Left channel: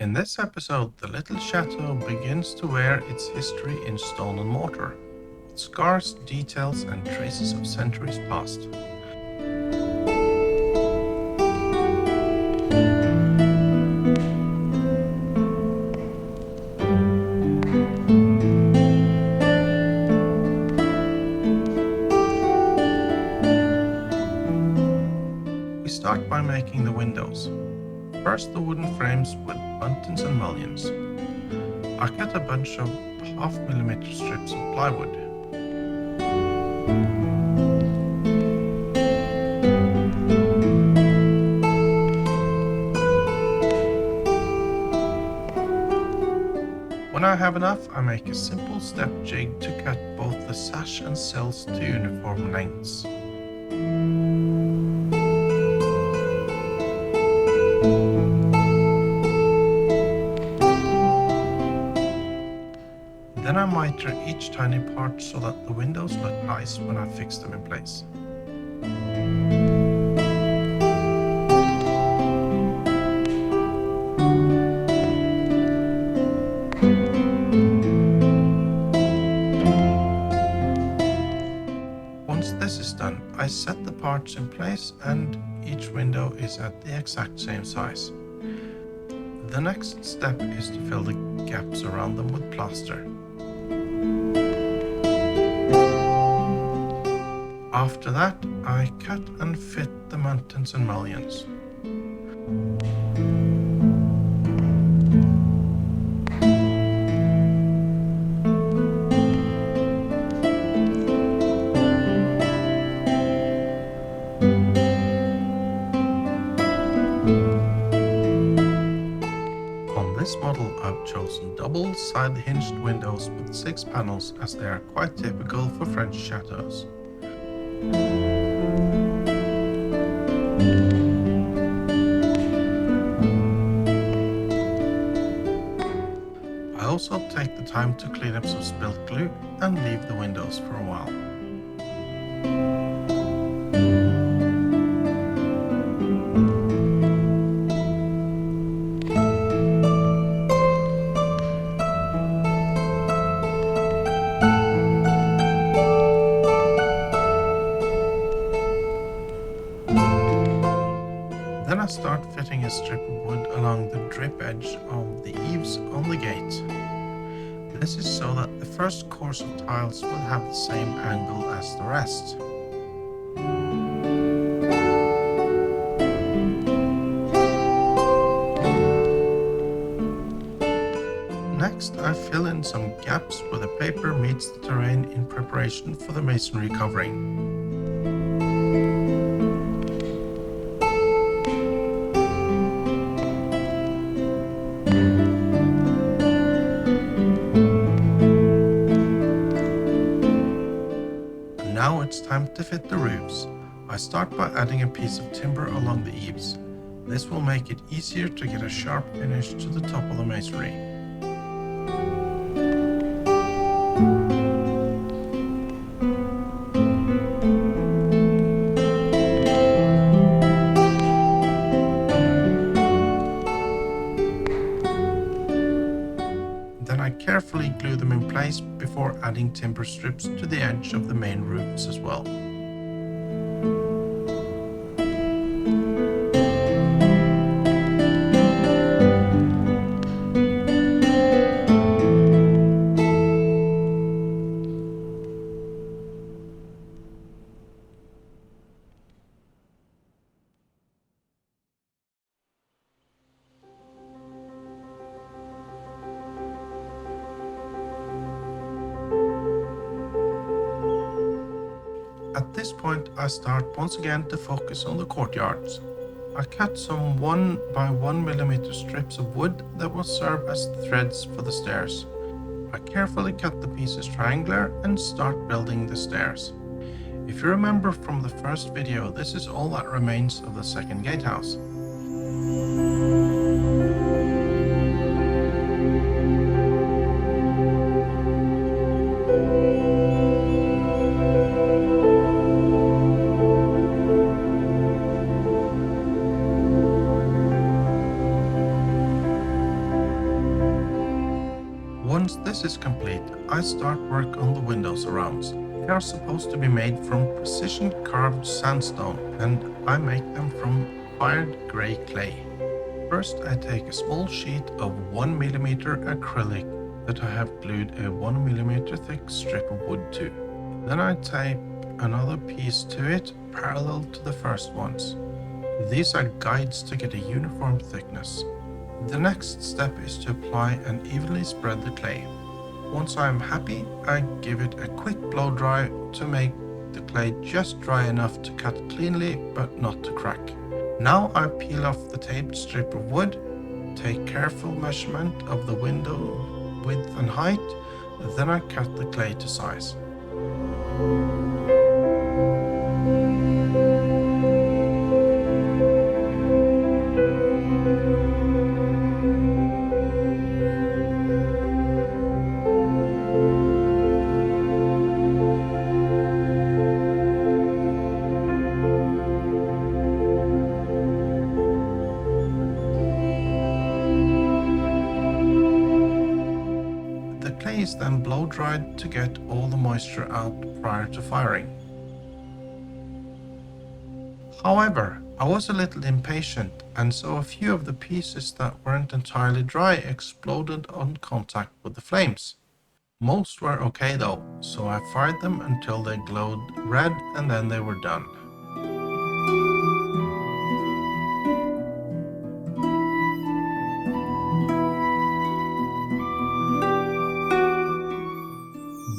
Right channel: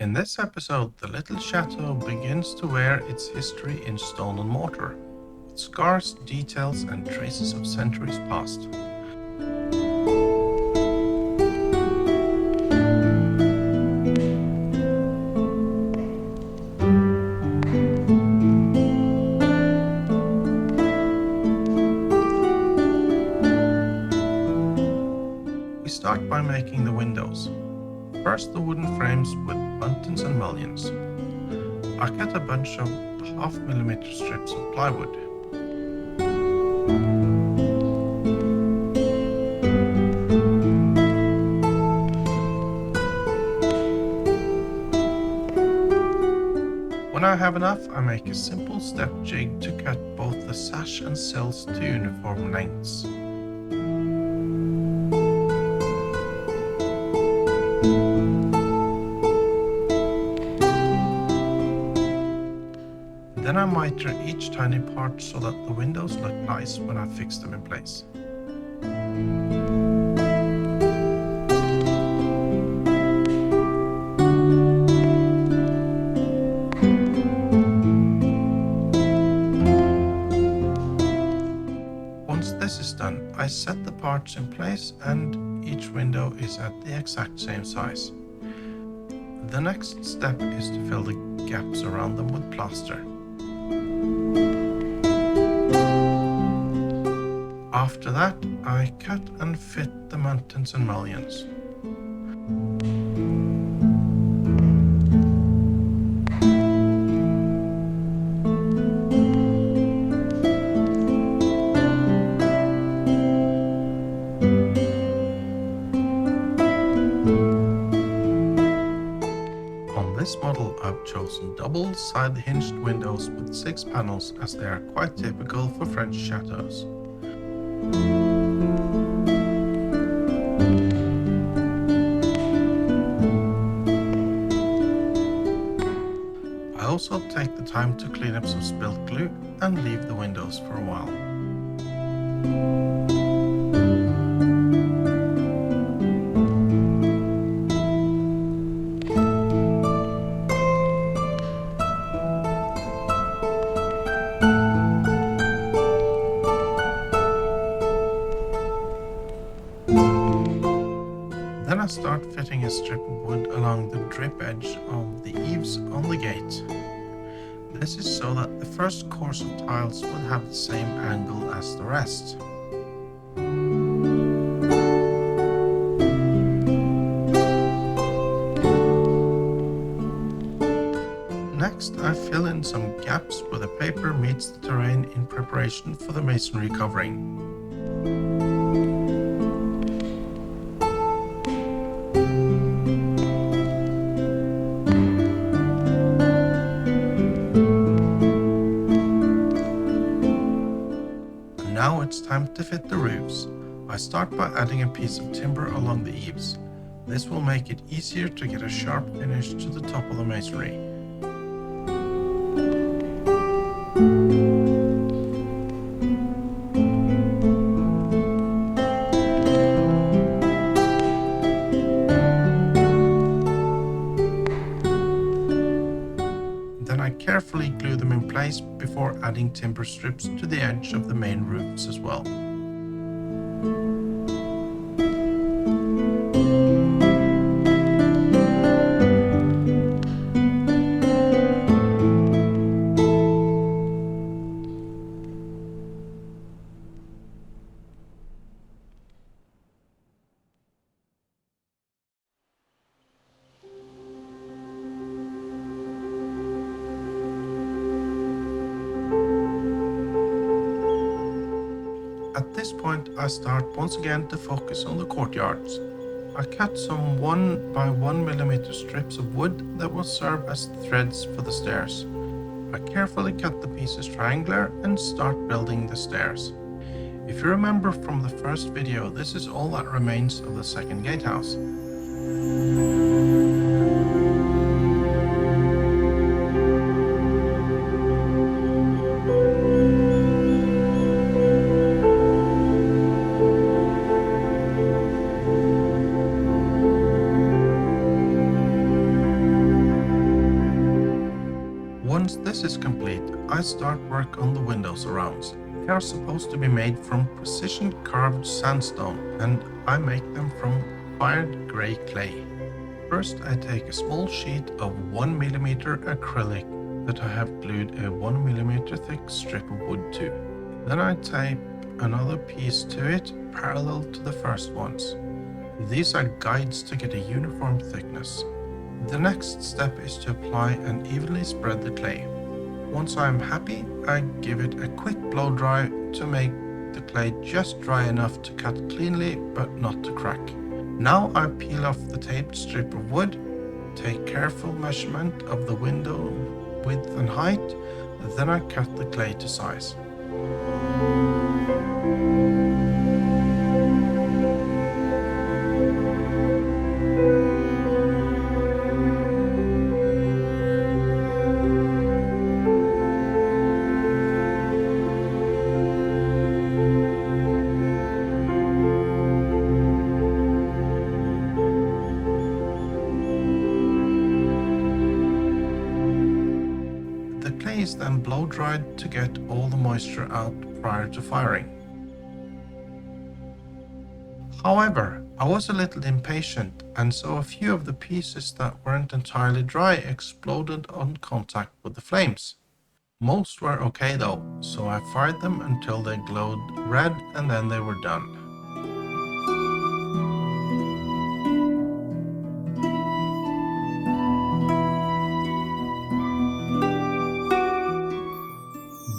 In this episode, the little chateau begins to wear its history in stone and mortar, with scars, details, and traces of centuries past. We start by making the windows. First, the wooden frames with buttons and mullions. I cut a bunch of 0.5 mm strips of plywood. When I have enough, I make a simple step jig to cut both the sash and sills to uniform lengths. Then I miter each tiny part so that the windows look nice when I fix them in place. Once this is done, I set the parts in place and each window is at the exact same size. The next step is to fill the gaps around them with plaster. After that, I cut and fit the mountains and mullions. On this model, I've chosen double side hinged windows with 6 panels as they are quite typical for French chateaus. I also take the time to clean up some spilt glue and leave the windows for a while. Then I start fitting a strip of wood along the drip edge of the eaves on the gate. This is so that the first course of tiles will have the same angle as the rest. Next, I fill in some gaps where the paper meets the terrain in preparation for the masonry covering. Now it's time to fit the roofs. I start by adding a piece of timber along the eaves. This will make it easier to get a sharp finish to the top of the masonry. Then I carefully glue them in place before adding timber strips to the edge of the main roofs as well. At this point, I start once again to focus on the courtyards. I cut some 1 by 1 mm strips of wood that will serve as threads for the stairs. I carefully cut the pieces triangular and start building the stairs. If you remember from the first video, this is all that remains of the second gatehouse. Once this is complete, I start work on the window surrounds. They are supposed to be made from precision carved sandstone, and I make them from fired grey clay. First, I take a small sheet of 1mm acrylic that I have glued a 1mm thick strip of wood to. Then I tape another piece to it parallel to the first ones. These are guides to get a uniform thickness. The next step is to apply and evenly spread the clay. Once I am happy, I give it a quick blow dry to make the clay just dry enough to cut cleanly but not to crack. Now I peel off the taped strip of wood, take careful measurement of the window width and height, then I cut the clay to size. The clay is then blow dried to get all the moisture out prior to firing. However, I was a little impatient, and so a few of the pieces that weren't entirely dry exploded on contact with the flames. Most were okay though, so I fired them until they glowed red and then they were done.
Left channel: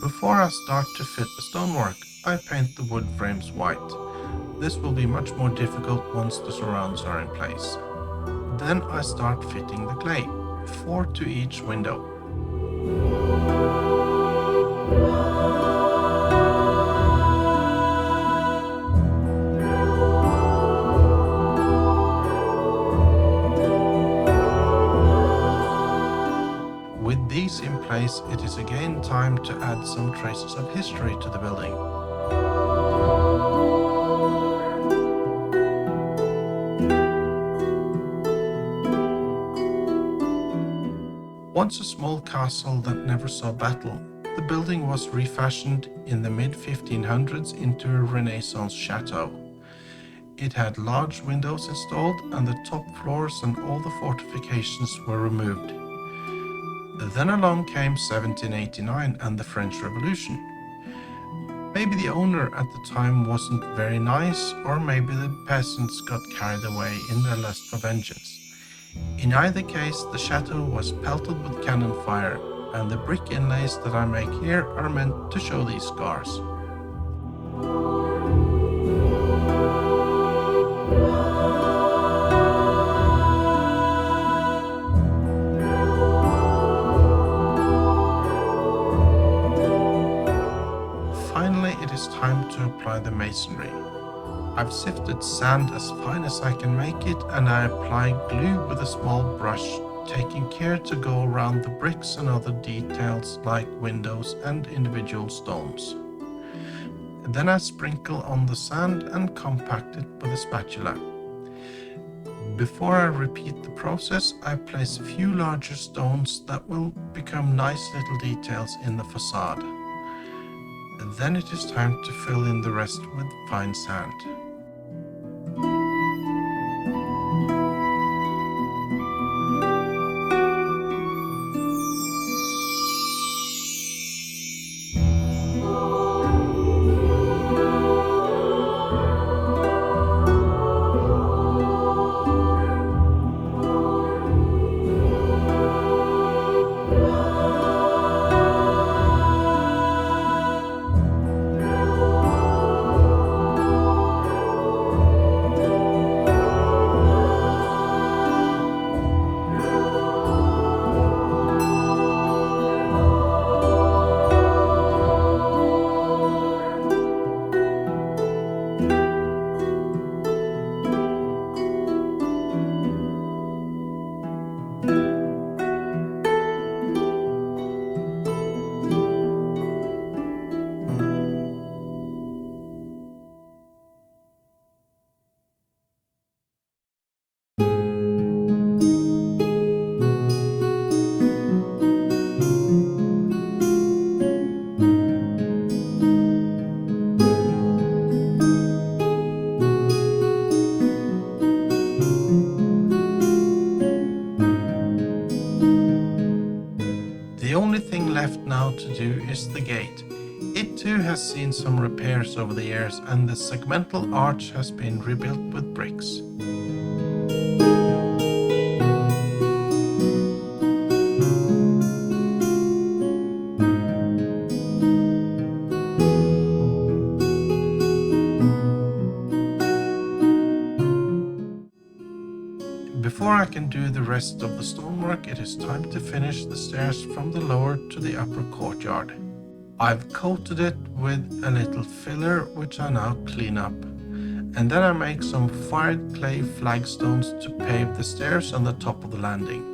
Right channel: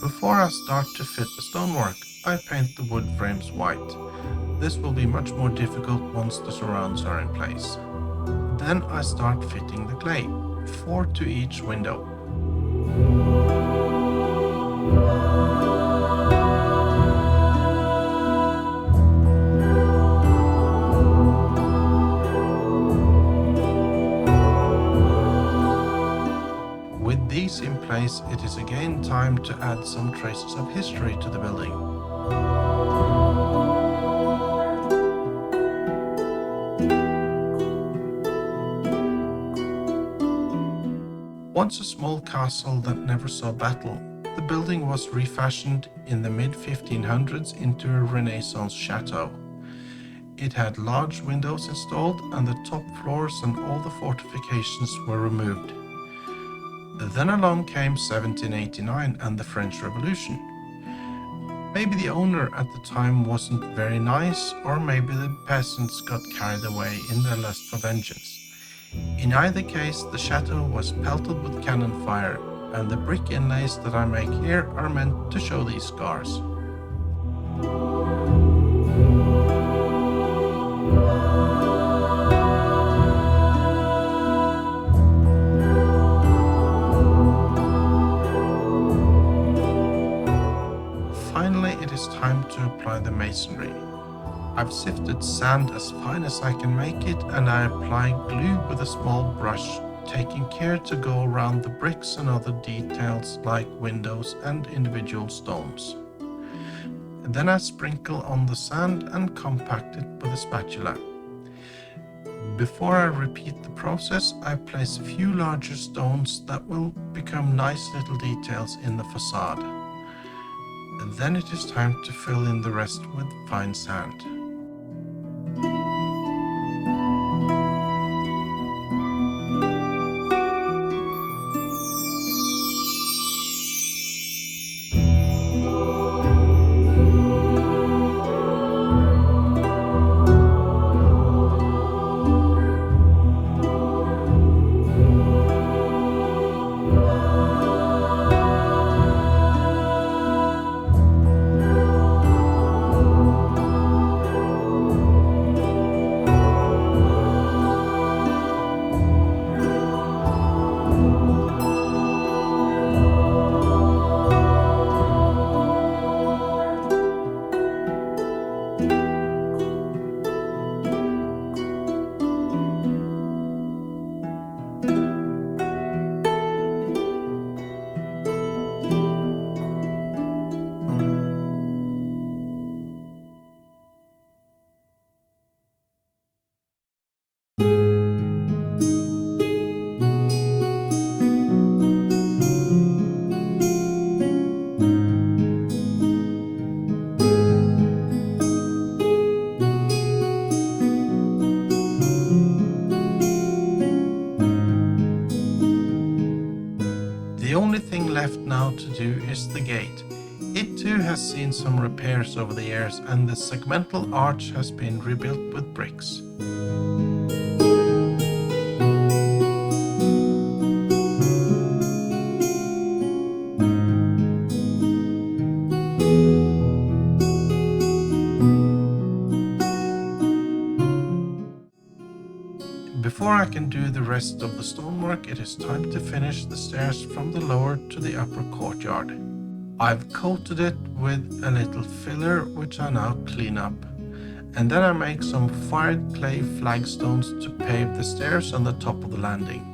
Before I start to fit the stonework, I paint the wood frames white. This will be much more difficult once the surrounds are in place. Then I start fitting the clay, 4 to each window. With these in place, it is again time to add some traces of history to the building. Once a small castle that never saw battle, the building was refashioned in the mid-1500s into a Renaissance chateau. It had large windows installed and the top floors and all the fortifications were removed. Then along came 1789 and the French Revolution. Maybe the owner at the time wasn't very nice, or maybe the peasants got carried away in their lust for vengeance. In either case, the chateau was pelted with cannon fire, and the brick inlays that I make here are meant to show these scars. Finally, it is time to apply the masonry. I've sifted sand as fine as I can make it, and I apply glue with a small brush, taking care to go around the bricks and other details like windows and individual stones. Then I sprinkle on the sand and compact it with a spatula. Before I repeat the process, I place a few larger stones that will become nice little details in the facade. Then it is time to fill in the rest with fine sand. The only thing left now to do is the gate. It too has seen some repairs over the years, and the segmental arch has been rebuilt with bricks. Before I can do the rest of the stonework, it is time to finish the stairs from the lower to the upper courtyard. I've coated it with a little filler, which I now clean up. And then I make some fired clay flagstones to pave the stairs on the top of the landing.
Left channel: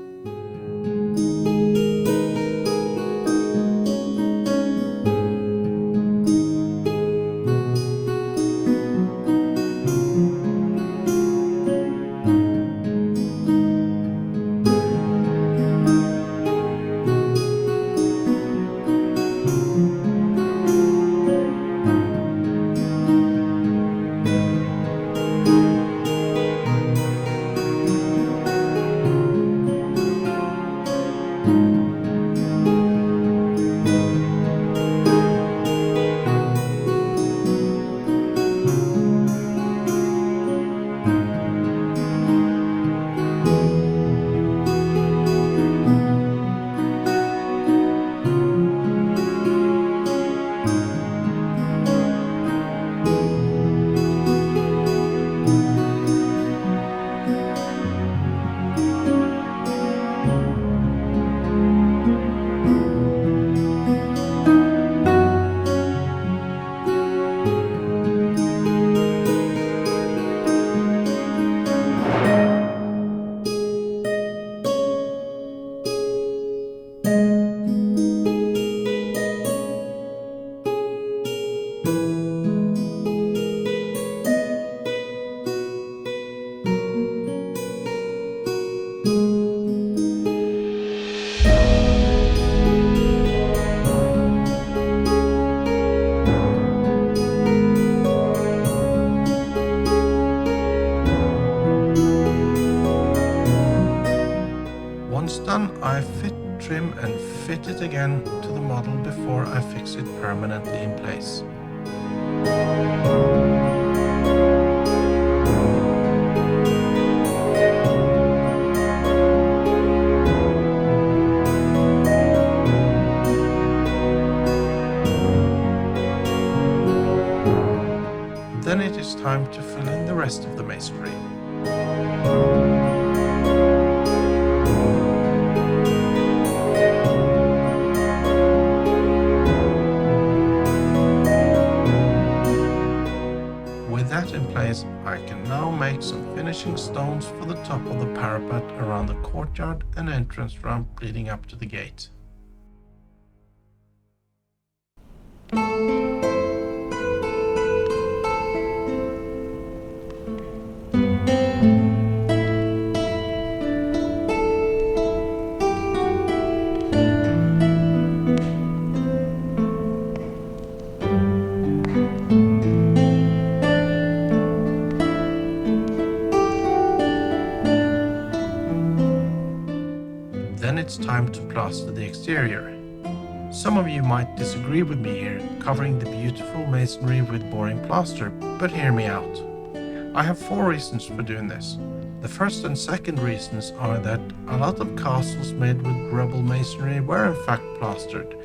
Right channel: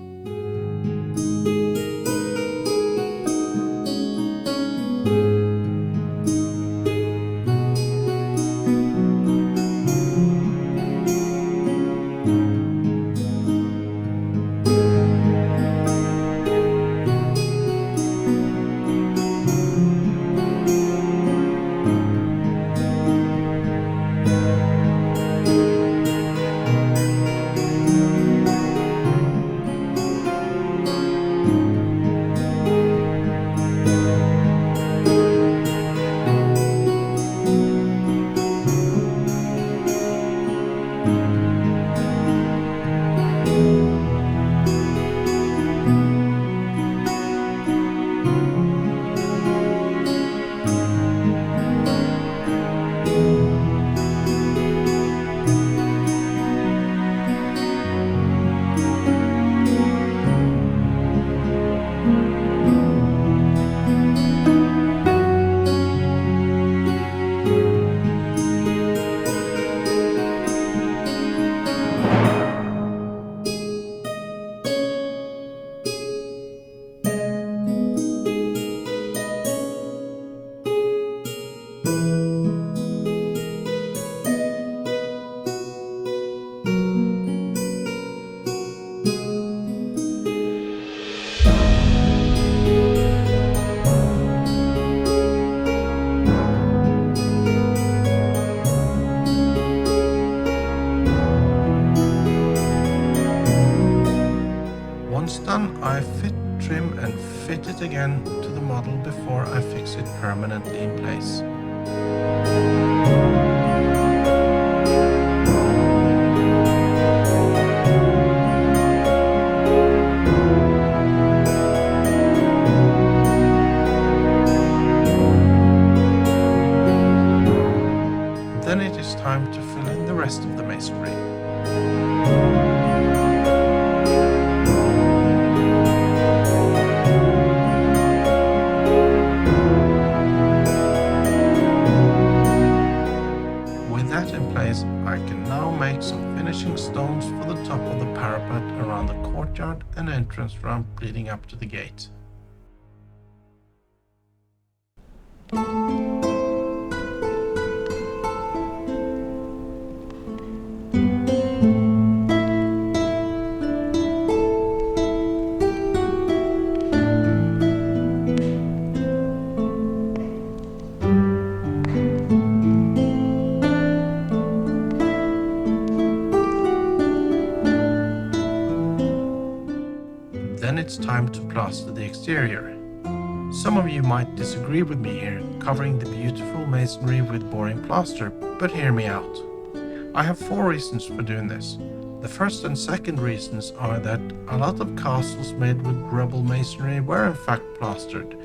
Once done, I fit, trim and fit it again to the model before I fix it permanently in place. Then it is time to fill in the rest of the masonry. With that in place, I can now make some finishing stones for the top of the parapet around the courtyard and entrance ramp leading up to the gate. Then it's time to plaster the exterior. Some of you might disagree with me here, covering the beautiful masonry with boring plaster, but hear me out. I have 4 reasons for doing this. The first and second reasons are that a lot of castles made with rubble masonry were in fact plastered,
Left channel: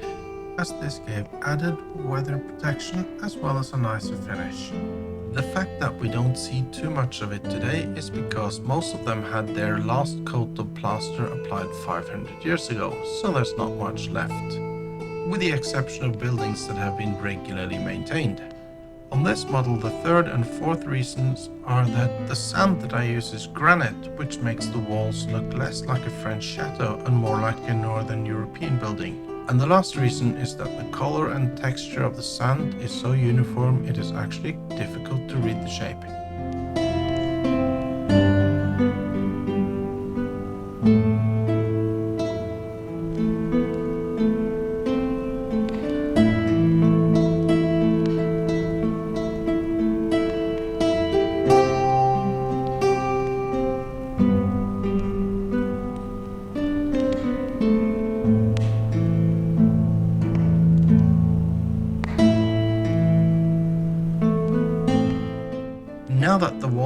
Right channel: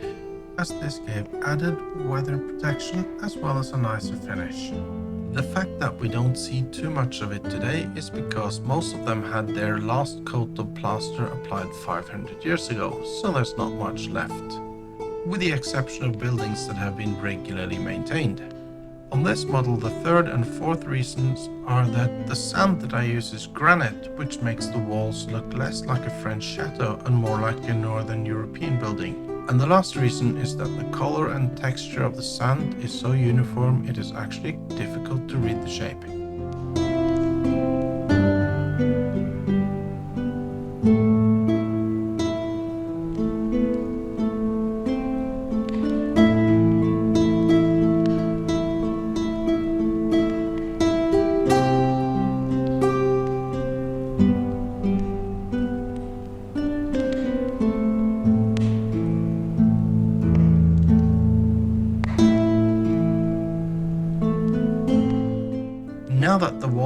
as this gave added weather protection as well as a nicer finish. The fact that we don't see too much of it today is because most of them had their last coat of plaster applied 500 years ago, so there's not much left, with the exception of buildings that have been regularly maintained. On this model, the third and fourth reasons are that the sand that I use is granite, which makes the walls look less like a French chateau and more like a Northern European building. And the last reason is that the color and texture of the sand is so uniform it is actually difficult to read the shape.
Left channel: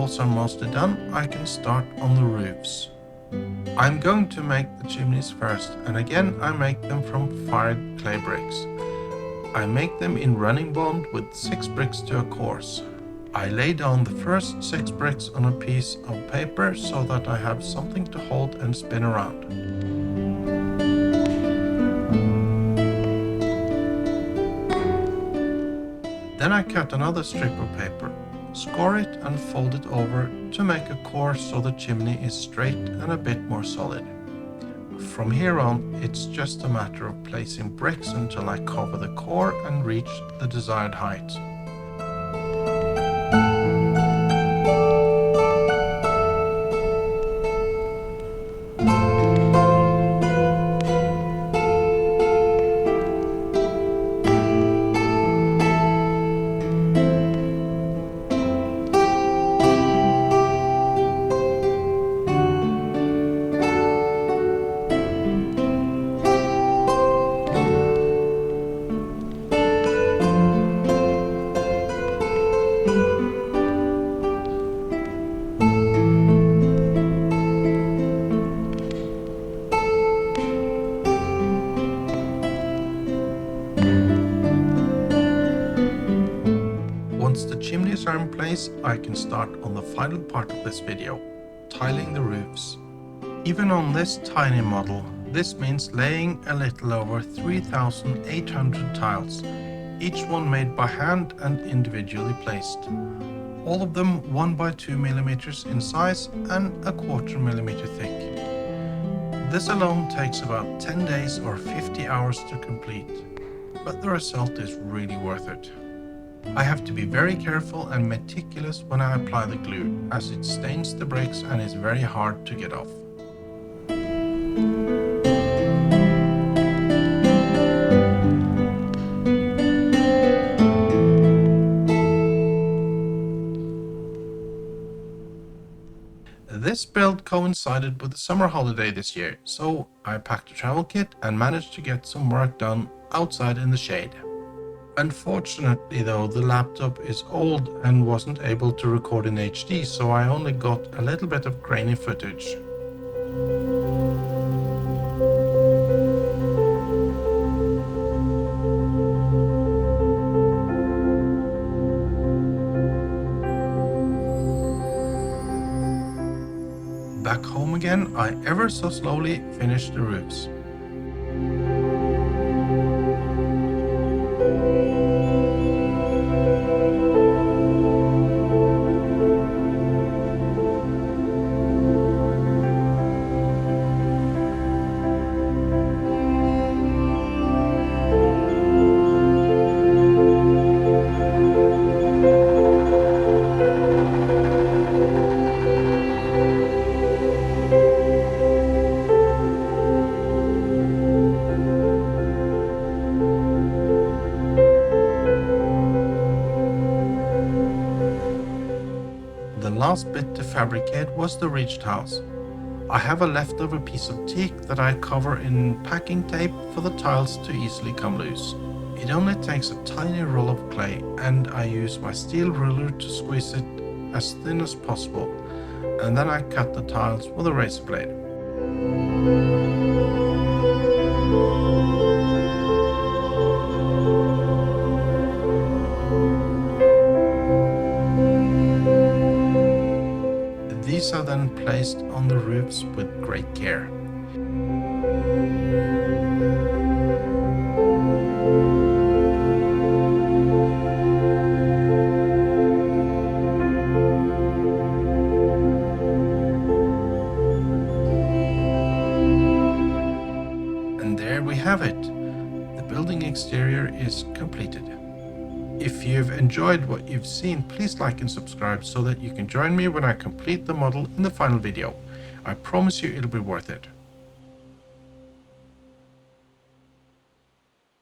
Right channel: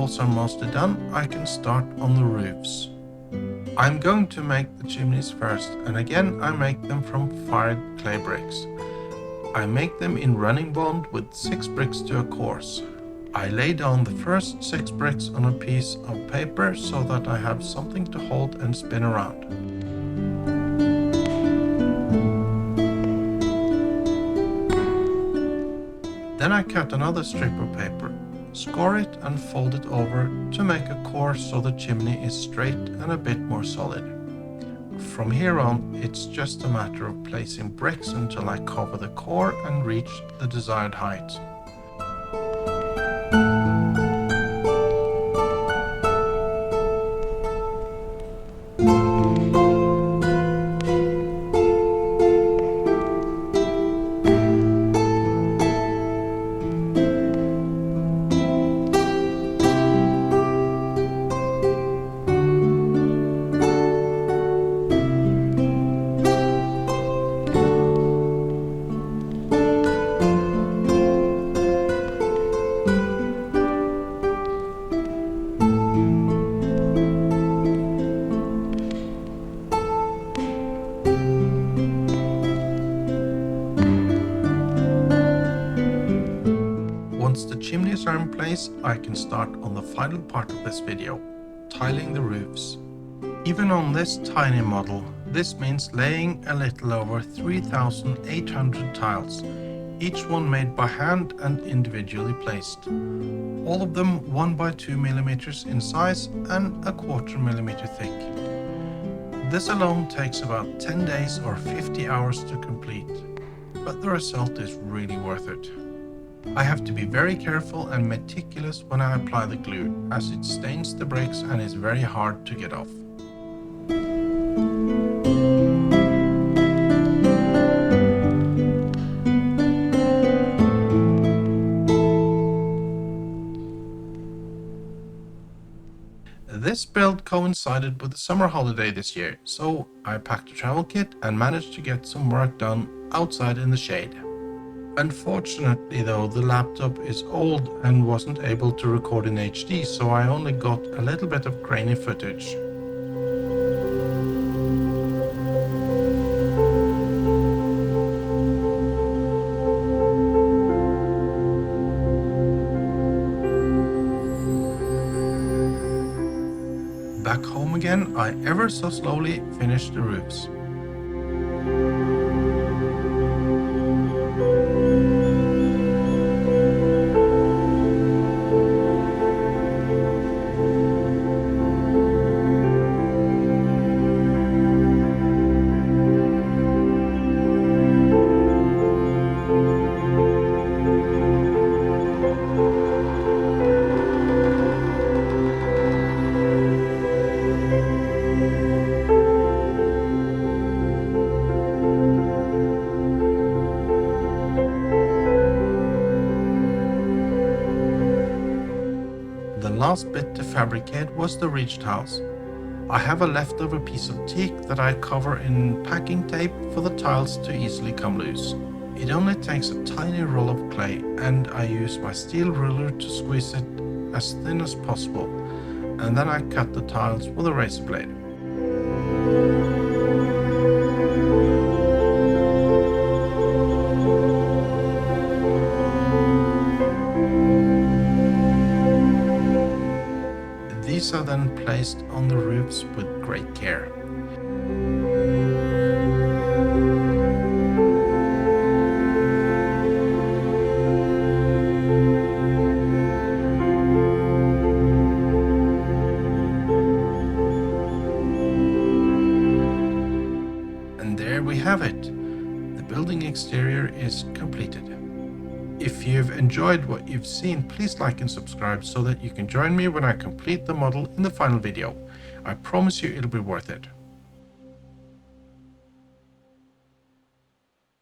walls are mostly done, I can start on the roofs. I'm going to make the chimneys first, and again I make them from fired clay bricks. I make them in running bond with 6 bricks to a course. I lay down the first 6 bricks on a piece of paper so that I have something to hold and spin around. Then I cut another strip of paper, score it and fold it over to make a course so the chimney is straight and a bit more solid. From here on, it's just a matter of placing bricks until I cover the core and reach the desired height. Once the chimneys are in place, I can start on the final part of this video, tiling the roofs. Even on this tiny model, this means laying a little over 3,800 tiles, each one made by hand and individually placed. All of them 1 by 2 millimeters in size and a 1/4 millimeter thick. This alone takes about 10 days or 50 hours to complete, but the result is really worth it. I have to be very careful and meticulous when I apply the glue, as it stains the bricks and is very hard to get off. This build coincided with the summer holiday this year, so I packed a travel kit and managed to get some work done outside in the shade. Unfortunately though, the laptop is old and wasn't able to record in HD, so I only got a little bit of grainy footage. Back home again, I ever so slowly finished the roofs. The last bit to fabricate was the reached house. I have a leftover piece of teak that I cover in packing tape for the tiles to easily come loose. It only takes a tiny roll of clay, and I use my steel ruler to squeeze it as thin as possible, and then I cut the tiles with a razor blade. These are then placed on the roofs with great care. And there we have it. The building exterior is completed. If you've enjoyed what you've seen, please like and subscribe so that you can join me when I complete the model in the final video. I promise you it'll be worth it.